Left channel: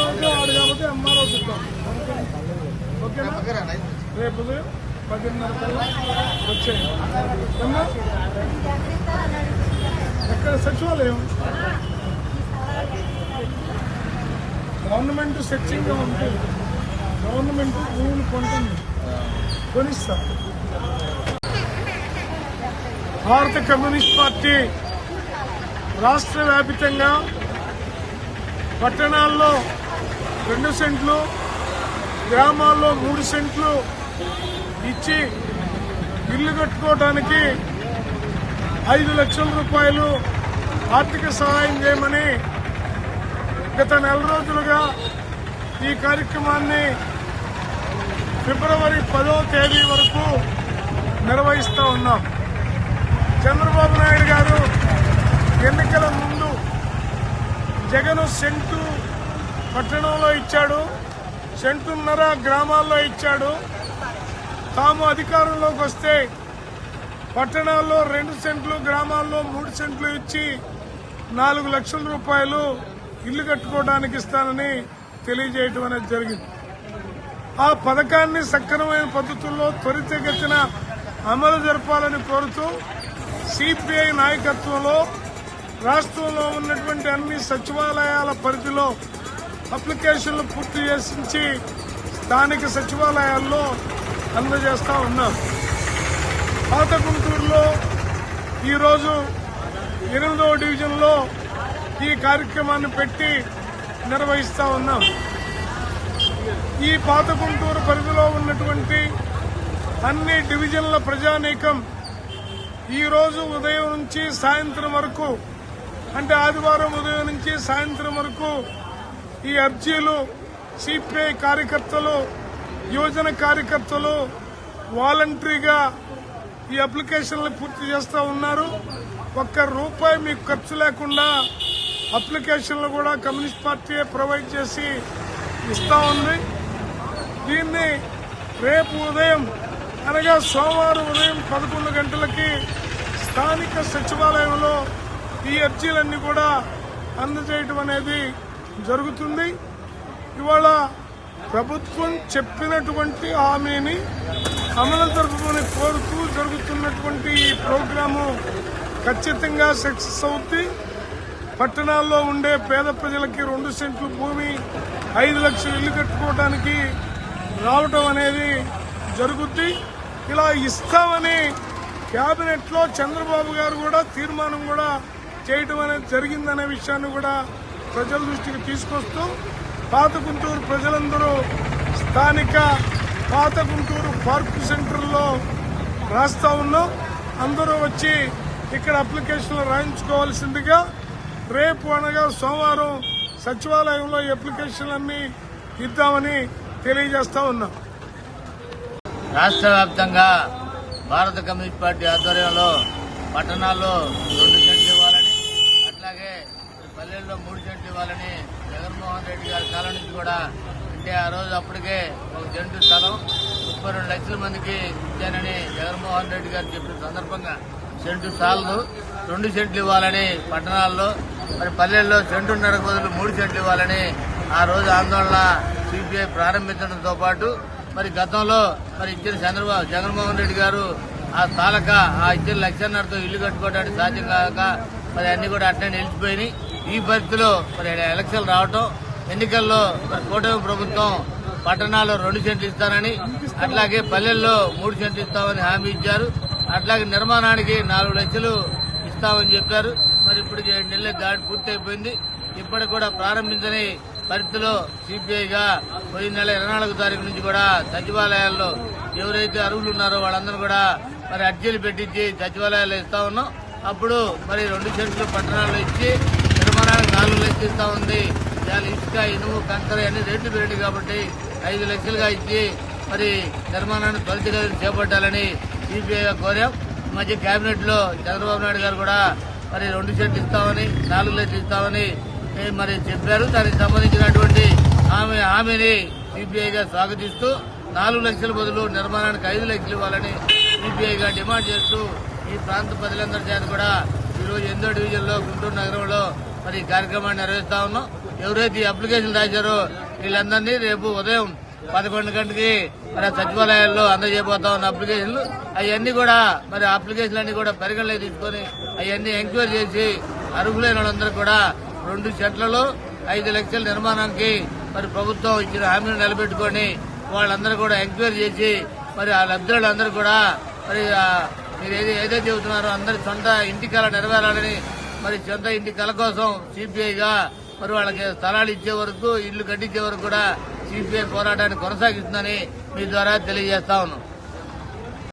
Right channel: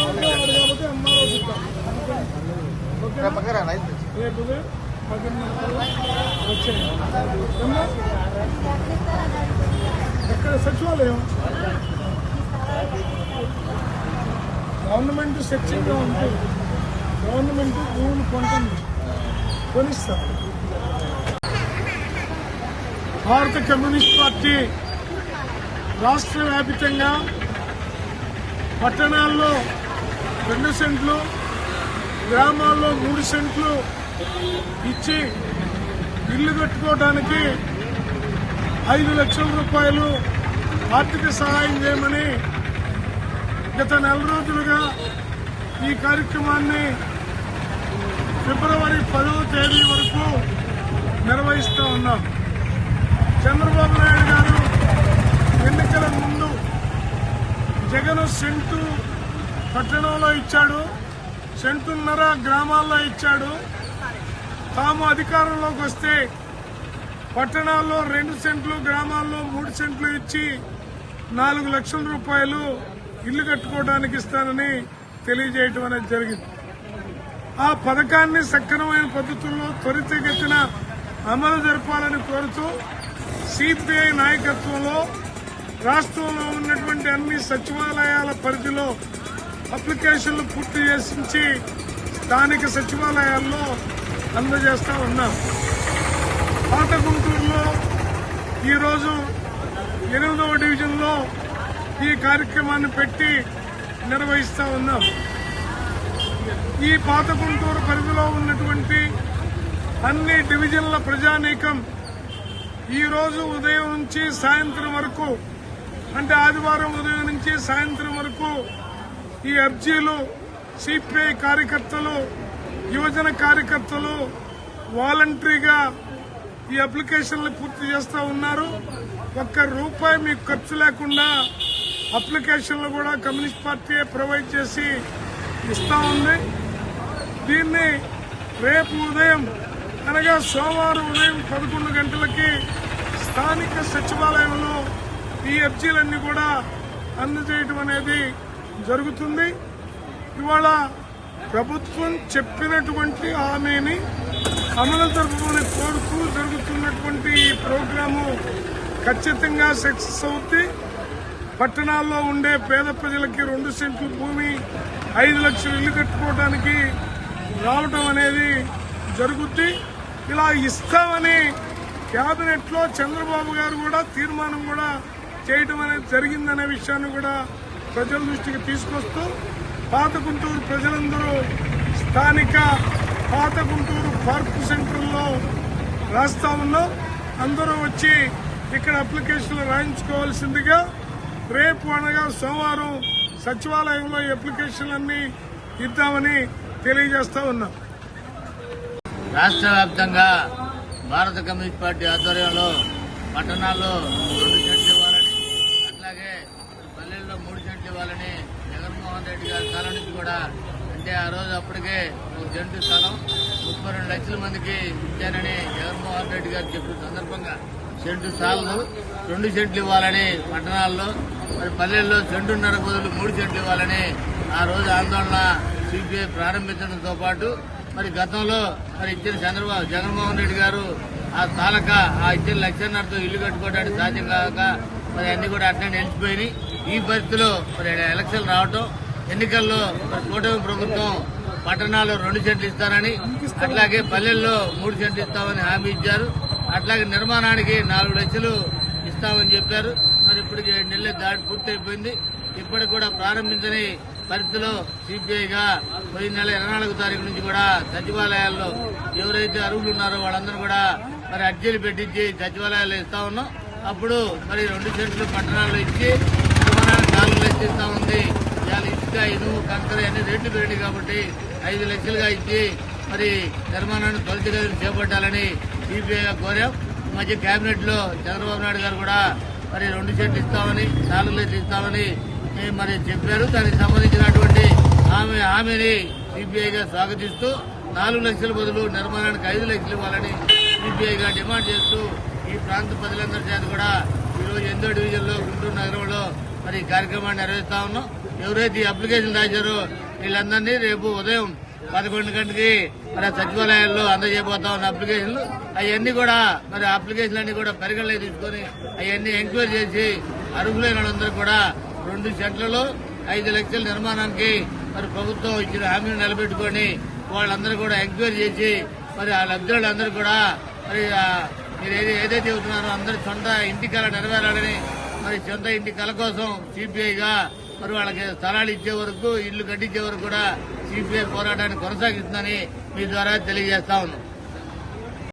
అవసరం వాడు కాబట్టి ఎంఆర్ఓ ఇద్దాం. రేపు 10:30 వచ్చాయి. ఎక్కడ సచివాలయం గవర్నమెంట్ సెర్చింగ్గా ఉంటుంది. గవర్నమెంట్ భూములు కొంటుంది, కొనిస్తారు. భారత కమ్యూనిస్ట్ పార్టీ రాష్ట్ర వ్యాప్తంగా పట్టణాల్లో 2 సెంట్లు, గ్రామాల్లో 3 సెంట్లు ఇచ్చి ఇల్లు కట్టుకోవడానికి 5 లక్షల రూపాయలు ఆర్థిక సహాయం చేయమని గత 4 రోజులుగా ఈ కార్యక్రమాన్ని ఫిబ్రవరి 10వ తేదీ వరకు నిర్వహిస్తూ ఉన్నాం. చంద్రబాబు నాయుడు గారు ఎన్నికల ముందు జగన్ సెంటు పట్టణంలో ఇచ్చాడు, 1.5 సెంటు గ్రామాల్లో ఇచ్చాడు. తాము అధికారంలోకి వస్తే పట్టణాల్లో 2 సెంట్లు, గ్రామాల్లో 3 సెంట్లు ఇచ్చి 4 లక్షల రూపాయలు ఇల్లు కట్టుకోవడానికి ఇస్తానని తెలియజేయడం అనేది జరిగింది. ఆ పథకాన్ని సక్రమైన పద్ధతుల్లో త్వరితగతిన అమలు జరపాలని కోరుతూ సిపిఐ నాయకత్వంలో రాష్ట్రంలో ఉన్నటువంటి అన్ని సచివాలయాల పరిధిలో అప్లికేషన్లు పూర్తి చేసి స్థానిక సచివాలయాల్లో అందజేస్తా ఉన్నాం. పాత గుంటూరులో ఈరోజు 8వ డివిజన్లో ఈ కార్యక్రమాన్ని పెట్టి నిర్వహిస్తా ఉన్నాం. ఈ పాత గుంటూరు పరిధిలో ఉన్నటువంటి అన్ని డివిజన్ల ప్రజానీకం ఈ రోజు ఉదయం నుంచి సాయంత్రం వరకు, అంటే ఆదివారం ఉదయం నుంచి సాయంత్రం వరకు ఈ అర్జీలు సిపిఐ కార్యకర్తలు, యువజన కార్యకర్తలు వాలంటరీగా ఈ అప్లికేషన్లు పూర్తి చేస్తా ఉన్నారు. ₹1 మీకు ఖర్చు లేకుండా అప్లికేషన్లు కూడా కమ్యూనిస్ట్ పార్టీ ప్రొవైడ్ చేసి ఇస్తా ఉంది. దీన్ని రేపు ఉదయం అనగా సోమవారం ఉదయం 11 గంటలకి స్థానిక సచివాలయంలో ఈ అర్జీలన్నీ కూడా అందజేయడం అనేది జరుగుతుంది. ఇవాళ ప్రభుత్వం చెప్పినటువంటి హామీని అమలు జరపమని కోరుతూ జరుగుతున్నటువంటి ఈ ప్రోగ్రాము ఖచ్చితంగా సక్సెస్ అవుతుంది. పట్టణాల్లో ఉండే పేద ప్రజలకి 2 సెంట్లు భూమి, 5 లక్షలు ఇల్లు కట్టుకోవడానికి రావడం అనేది జరుగుద్ది. ఇలా ఇస్తామని కేబినెట్ లో చంద్రబాబు గారు కూడా తీర్మానం కూడా చేయడం అనేది జరిగిందనే విషయాన్ని కూడా ప్రజల దృష్టికి తీసుకొస్తూ పాత గుంటూరు ప్రజలందరూ స్థానిక పాత గుంటూరు పార్క్ సెంటర్లో రాస్తా ఉన్నాం. అందరూ వచ్చి ఇక్కడ అప్లికేషన్లు రాయించుకోవాల్సిందిగా రేపు అనగా సోమవారం సచివాలయంలో ఈ అప్లికేషన్లన్నీ ఇద్దామని తెలియజేస్తా ఉన్నాం. రాష్ట్ర వ్యాప్తంగా భారత కమ్యూనిస్ట్ పార్టీ ఆధ్వర్యంలో పట్టణాల్లో 2 సెంట్లు ఇవ్వాలని, అట్లాగే పల్లెల్లో 3 సెంట్లు ఇవ్వాలని జగన్మోహన్ రెడ్డి గారి కాలం నుంచి కూడా, అంటే ఆ రోజు అప్పటికే 1 సెంటు స్థలం 32 లక్షల మందికి ఇచ్చానని జగన్మోహన్ రెడ్డి గారు చెప్పిన సందర్భంగా 1 సెంటు స్థలాలు 2 సెంట్లు ఇవ్వాలని పట్టణాల్లో, మరి పల్లెల్లో 1.5 సెంటు బదులు 3 సెంట్లు ఇవ్వాలని ఆ రోజు ఆందోళన సిపిఐ ప్రారంభించడంతో పాటు మరి గతంలో మరి ఇచ్చిన జగన్మోహన్ రెడ్డి గారు ఆ తాలక ఆ ఇచ్చిన 1.5 లక్షలతో ఇల్లు కట్టుకోవడానికి సాధ్యం కాక మరి అన్ని కూడా అట్లనే నిలిచిపోయి ఈ పరిస్థితిలో మరి ఎలక్షన్లు రావటం, ఎన్నికల్లో కూటమి ప్రభుత్వం పట్టణాల్లో 2 సెంట్లు ఇస్తానని, అట్లాగే పల్లెల్లో 3 సెంట్లు ఇస్తామని హామీ ఇచ్చారు. అట్లాగే నిర్మాణానికి 4 లక్షలు ఇస్తామని చెప్పారు. మరి ఇప్పుడు 7 నెలల దాడి పూర్తయిపోయింది. ఇప్పటికి కూడా ప్రారంభించని పరిస్థితిలో సిపిఐగా పోయిన నెల 24వ తారీఖు నుంచి కూడా సచివాలయాల్లో ఎవరైతే అర్హులు ఉన్నారో వాళ్ళందరూ కూడా మరి అర్జీలు పెట్టించి సచివాలయాల్లో ఇస్తా ఉన్నాం. అప్పుడు మరి 2 సెంట్లు పట్టణాల్లో ఇచ్చి నిర్మాణానికి 4 లక్షలు ఇస్తా ఉంది. ఇవాళ ఇసుక, ఇనుము, కంకర అన్ని రేట్లు పెరిగింది కాబట్టి 5 లక్షలుగా ఇచ్చి మరి నిర్మాణాన్ని త్వరితగతిన చేపట్టాలని సిపిఐగా కోరాం. ఈ మధ్య కేబినెట్ లో చంద్రబాబు నాయుడు గారు కూడా మరి 2 సెంట్లు ఇస్తామని, 4 లక్షలు ఇస్తామని మరి చెప్పారు. దానికి సంబంధించినటువంటి హామీని సిపిఐగా స్వాగతిస్తూ 4 లక్షల బదులు నిర్మాణానికి 5 లక్షలు ఇవ్వాలని సిపిఐగా డిమాండ్ చేస్తూ ఈ ప్రాంత ప్రజలందరి చేత కూడా ఈ రోజు 8వ డివిజన్లో గుంటూరు నగరంలో మరి ఈ కార్యక్రమాన్ని నిర్వహిస్తా ఉన్నాం. ఎవరైతే ఈ అప్లికేషన్ రాశారో వీళ్ళందరినీ రేపు ఉదయం 11 గంటకి మన సచివాలయాల్లో అందజేయబోతా ఉన్న అప్లికేషన్లు అవన్నీ కూడా మరి అప్లికేషన్లు అన్ని కూడా పరిగణలోకి తీసుకొని అవన్నీ ఎంక్వైరీ చేసి అర్హులైన వాళ్ళందరూ కూడా 2 సెంట్లలో 5 లక్షల నిర్మాణానికి మరి ప్రభుత్వం ఇచ్చిన హామీని నిలబెట్టుకొని వాళ్ళందరూ కూడా ఎంక్వైరీ చేసి మరి ఆ లబ్ధిదారులందరూ కూడా మరి మీరు ఏదైతే చెబుతున్నారో అందరి సొంత ఇంటి కళ నెరవేరాలని మరి సొంత ఇంటి కళ కోసం సిపిఐగా మరి వాళ్ళకి స్థలాలు ఇచ్చే వరకు ఇల్లు కట్టించే వరకు కూడా సిపిఐ పోరాటాన్ని కొనసాగిస్తుందని మీ ద్వారా తెలియజేస్తా ఉన్నాం.